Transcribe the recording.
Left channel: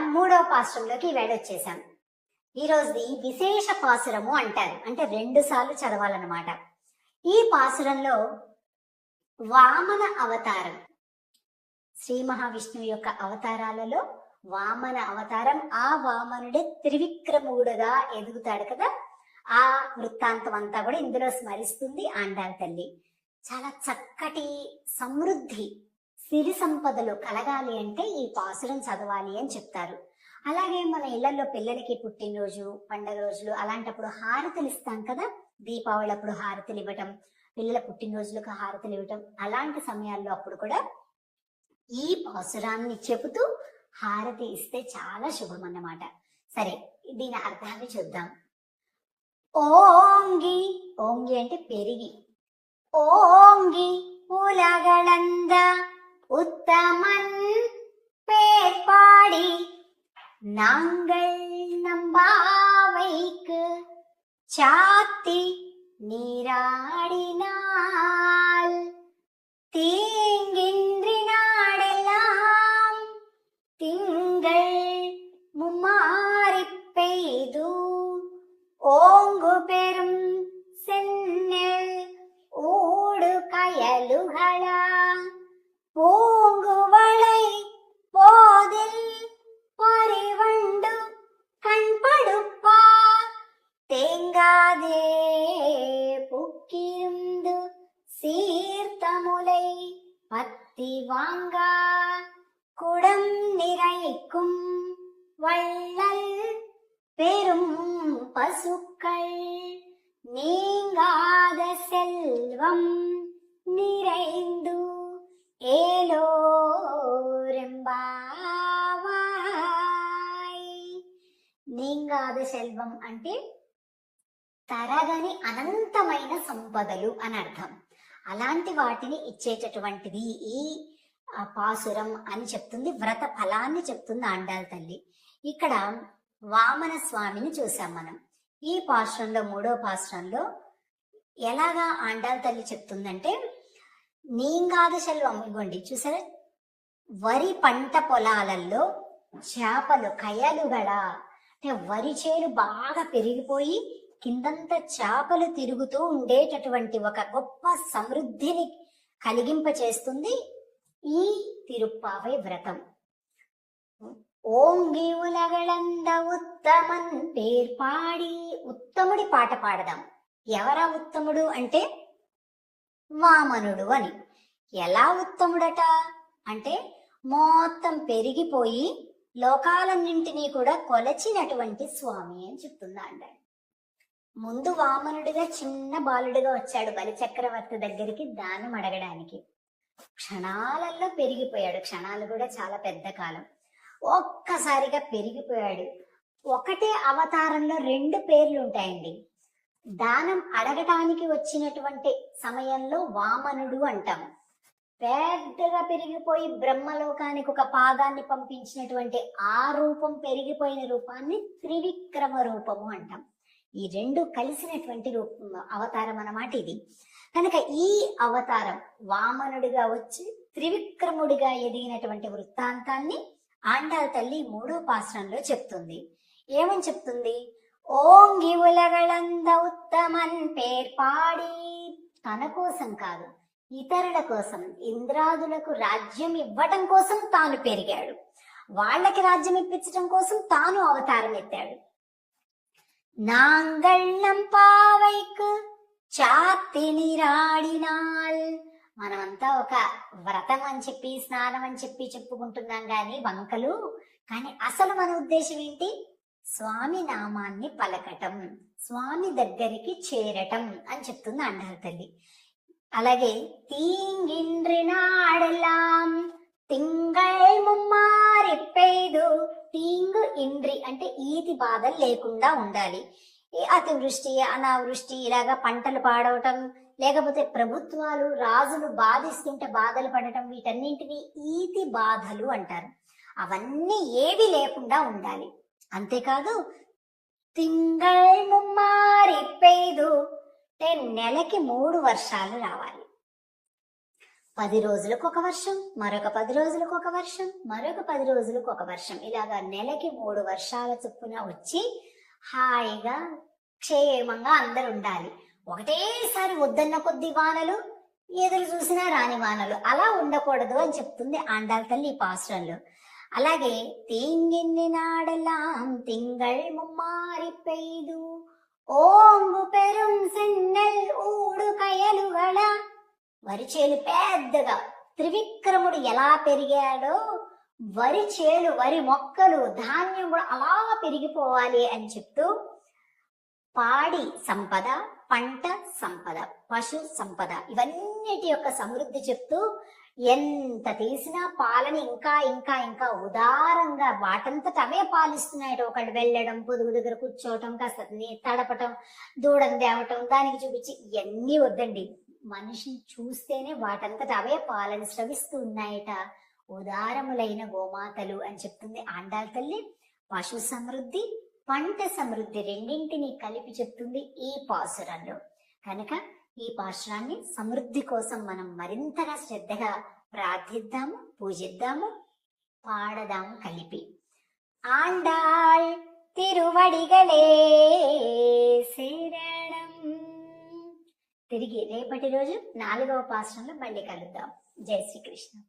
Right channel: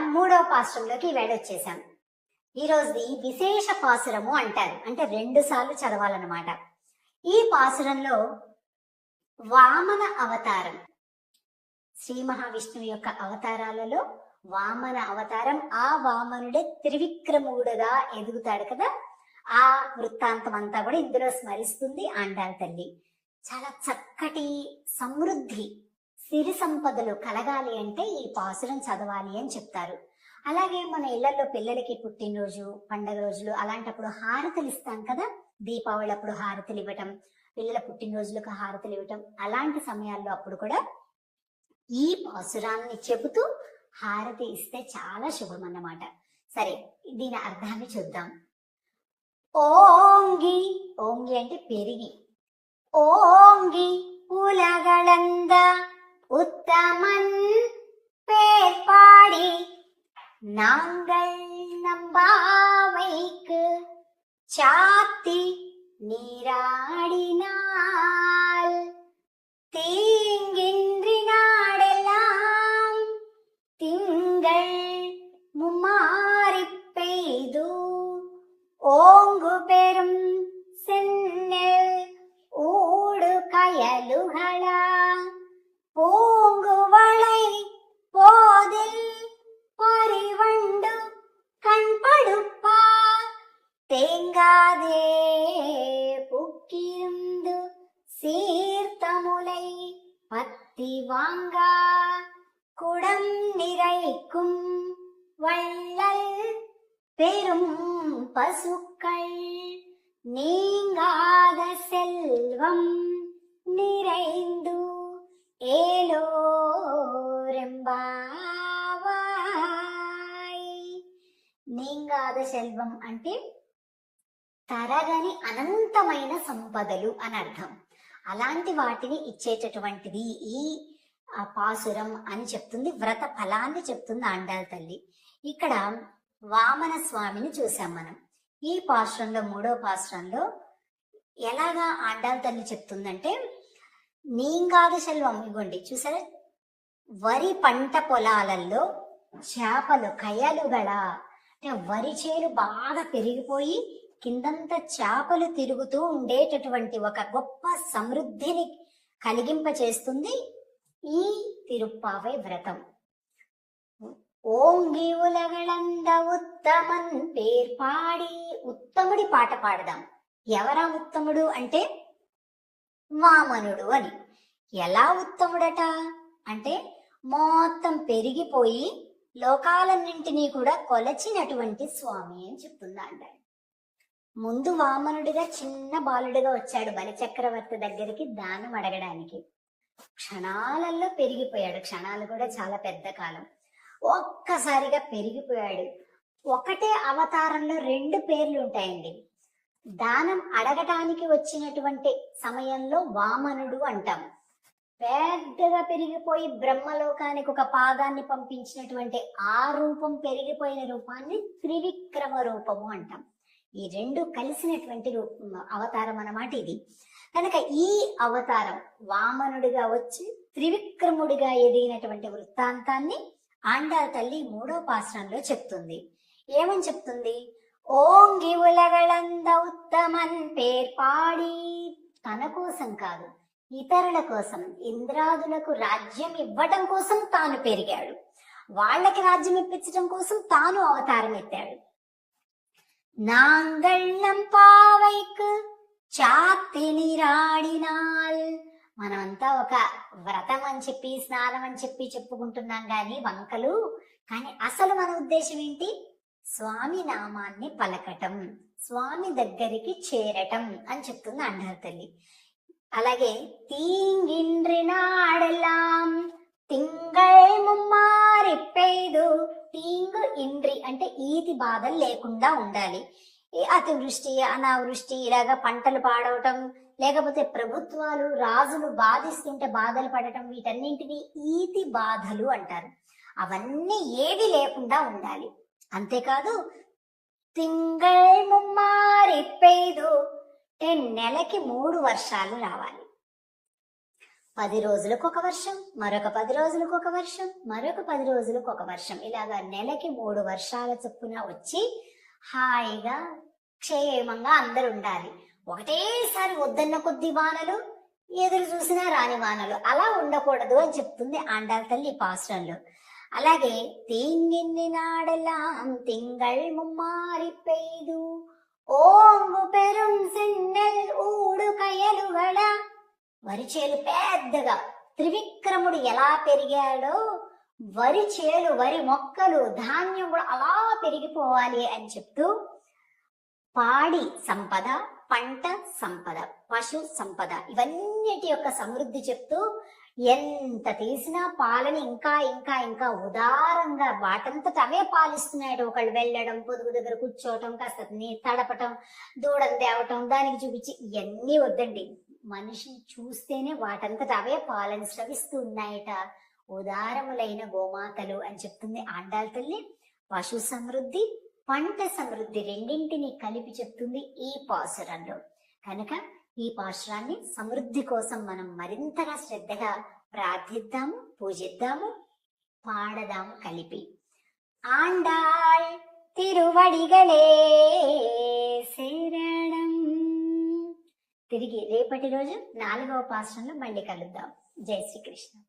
మూడవ పాశ్రంలోకి వేడొచ్చేసాం ఈ రోజుది విశేష పాసురము అంటారు. అంటే రెండు సార్లు చదవాలన్నమాట. ఈ పాసురంలో వామన అవతారం. శ్రీ మహావిష్ణువు యొక్క అవతారాలలో వామన అవతారం ఆ వామనుడే త్రివిక్రముడుగా ఎదుగుతాడు కదా. ఆ వృత్తాంతం అంతా కూడా ఇందులో స్మరిస్తుంది ఆండాల తల్లి. చాలా చక్కటి సమృద్ధి సిరి సంపదలు కలగాలి అంటే ఈ పాసురం చదవాలి అని చెప్తారు. అలాగే మన ఇళ్ళలో పిల్లలకి పుట్టినరోజు పండగ రోజులు అలాంటప్పుడు హారతులు ఇస్తాం కదా? దీపావళి అప్పుడు హారతులు ఇవ్వటం పిల్లల పుట్టినరోజులకు హారతులు ఇవ్వటం అలాంటి సమయాల్లో అప్పుడు కూడా ఈ పాసురాన్ని చెబుతూ హారతి ఇస్తే చాలా శుభం అన్నమాట. సరే దీని అర్థాన్ని చూద్దాం. ఓంగి ఓంగి అంటే పెరిగి. ఓంగి ఉలగళంద உத்தமன் பேர் பாடி நாங்கள் நம்பாவைக்கு சாத்தி நீராடினால். தீ வாங்கா குடம் நிறைக்கும் வள்ளல் பெரும் பசுக்கள் நீங்காத செல்வம் நிறைந்து ఏలోరెంబావాయ్ నీంగాద సెల్వం అంటే తరగని అనంతమైన సంపదలు అని అర్థం అలాంటి వాటిని ఇచ్చేటటువంటిది ఈ ఆ, పాసురం అని చెప్తుంది వ్రత ఫలాన్ని చెప్తుంది ఆండాల తల్లి. ఇక్కడ వామన స్వామిని చూసాం మనం. ఈ పాశ్రంలో మూడో పాశ్రంలో ఎలాగా ఆండాల తల్లి చెప్తుందంటే నీంగాదు శల్వం ఇవ్వండి. చూసారా? వరి పంట పొలాలలో చేపలు కయలు గడ అంటే వరి చేలు బాగా పెరిగిపోయి కిందంతా చేపలు తిరుగుతూ ఉండేటటువంటి ఒక గొప్ప సమృద్ధిని కలిగింప చేస్తుంది తిరుప్పావై వ్రతం ఓంగి ఉలగళంద ఉత్తమన్ పేర్పాడి ఉత్తముడి పాట పాడదాం ఎవరా ఉత్తముడు అంటే వామనుడు అని ఎలా ఉత్తముడట అంటే మొత్తం పెరిగిపోయి లోకాలన్నింటినీ కూడా కొలచినటువంటి స్వామి అని చెప్తుందా అంటాడు ముందు వామనుడిగా చిన్న బాలుడిగా వచ్చాడు బలిచక్రవర్తి దగ్గరికి దానం అడగడానికి క్షణాలలో పెరిగిపోయాడు. క్షణాలు కూడా చాలా పెద్ద కాలం. ఒక్కసారిగా పెరిగిపోయాడు. ఒకటే అవతారంలో రెండు పేర్లు ఉంటాయండి. దానం అడగటానికి వచ్చినటువంటి సమయంలో వామనుడు అంటాం. పెద్దగా పెరిగిపోయి బ్రహ్మలోకానికి ఒక పాదాన్ని పంపించినటువంటి ఆ రూపం పెరిగిపోయిన రూపాన్ని త్రివిక్రమ రూపము అంటాం. ఈ రెండు కలిసినటువంటి రూపం అవతారం అన్నమాట ఇది. కనుక ఈ అవతారం వామనుడిగా వచ్చి త్రివిక్రముడిగా ఎదిగినటువంటి వృత్తాంతాన్ని ఆండాల తల్లి మూడో పాశ్రంలో చెప్తుంది. ఏమని చెప్తుంది? ఓంగి ఉలగళంద ఉత్తమన్ పేర్పాడి తన కోసం కాదు ఇతరుల కోసం ఇంద్రాదులకు రాజ్యం ఇవ్వటం కోసం తాను పెరిగాడు. వాళ్ళకి రాజ్యం ఇప్పించడం కోసం తాను అవతారం ఎత్తాడు. నాంగళ్ళం பாவைக்கு చాతి నీరాడినాల్ మనమంతా ఒక వ్రతం అని చెప్పి స్నానం అని చెప్పి చెప్పుకుంటున్నాం గాని వంకలు. కానీ అసలు మన ఉద్దేశం ఏంటి? స్వామి నామాన్ని పలకటం స్వామి దగ్గరికి చేరటం అని చెప్తుంది అంటారు తల్లి. అలాగే తీంగిండ్రి నాడెల్లాం తింగళ్ ముమ్మారి పెయ్దు తీంగు ఇండ్రి అంటే ఈతి బాధలు లేకుండా ఉండాలి. ఈ అతివృష్టి అనావృష్టి ఇలాగా పంటలు పాడవటం లేకపోతే ప్రభుత్వాలు రాజులు బాధిస్తుంటే బాధలు పడటం వీటన్నింటినీ ఈతి బాధలు అంటారు. అవన్నీ ఏవి లేకుండా ఉండాలి. అంతేకాదు తింగళ్ ముమ్మారి పెయ్దు నెలకి మూడు వర్షాలు రావాలి. పది రోజులకు ఒక వర్షం మరొక పది రోజులకు ఒక వర్షం మరొక పది రోజులకు ఒక వర్షం. ఇలాగా నెలకి మూడు వర్షాల చొప్పున వచ్చి హాయిగా క్షేమంగా అందరు ఉండాలి. ఒకటేసారి వద్దన్న కొద్ది వానలు ఎదురు చూసినా రాని వానలు అలా ఉండకూడదు అని చెప్తుంది ఆండాల తల్లి పాశ్రంలో అలాగే తీంగిన్ని నాడలాం తింగళ్ ముమ్మారి పెయ్దు పెరుం പെരും സെന്നൽ గడ వరి చేలు పెద్దగా. త్రివిక్రముడు ఎలా పెరిగాడో వరి చేలు వరి మొక్కలు ధాన్యం కూడా అలా పెరిగిపోవాలి అని చెప్తూ పాడి సంపద పంట సంపద పశు సంపద ఇవన్నిటి యొక్క సమృద్ధి చెప్తూ ఎంత తీసినా పాలని ఇంకా ఇంకా ఇంకా ఉదారంగా వాటంతట అవే పాలిస్తున్నాయి ఒకళ్ళు వెళ్ళడం పొదుగు దగ్గర కూర్చోవటం కాస్త తడపటం దూడను తేవటం దానికి చూపించి ఇవన్నీ వద్దండి. మనిషిని చూస్తేనే వాటంతట అవే పాలను స్రవిస్తూ ఉన్నాయట ఉదారములైన గోమాతలు అని చెప్తుంది ఆండాల తల్లి. పశు సమృద్ధి పంట సమృద్ధి రెండింటిని కలిపి చెప్తుంది ఈ పాసురంలో. కనుక ఈ పాశురాన్ని సమృద్ధి కోసం మనం మరింతగా శ్రద్ధగా ప్రార్థిద్దాము పూజిద్దాము పాడదాము కలిపి. ఆండాళ్ తిరువడిగలే శరణం తిరిగి రేపటి రోజు నాలుగవ పాశ్రంలో మళ్ళీ కలుద్దాం. జై శ్రీకృష్ణ.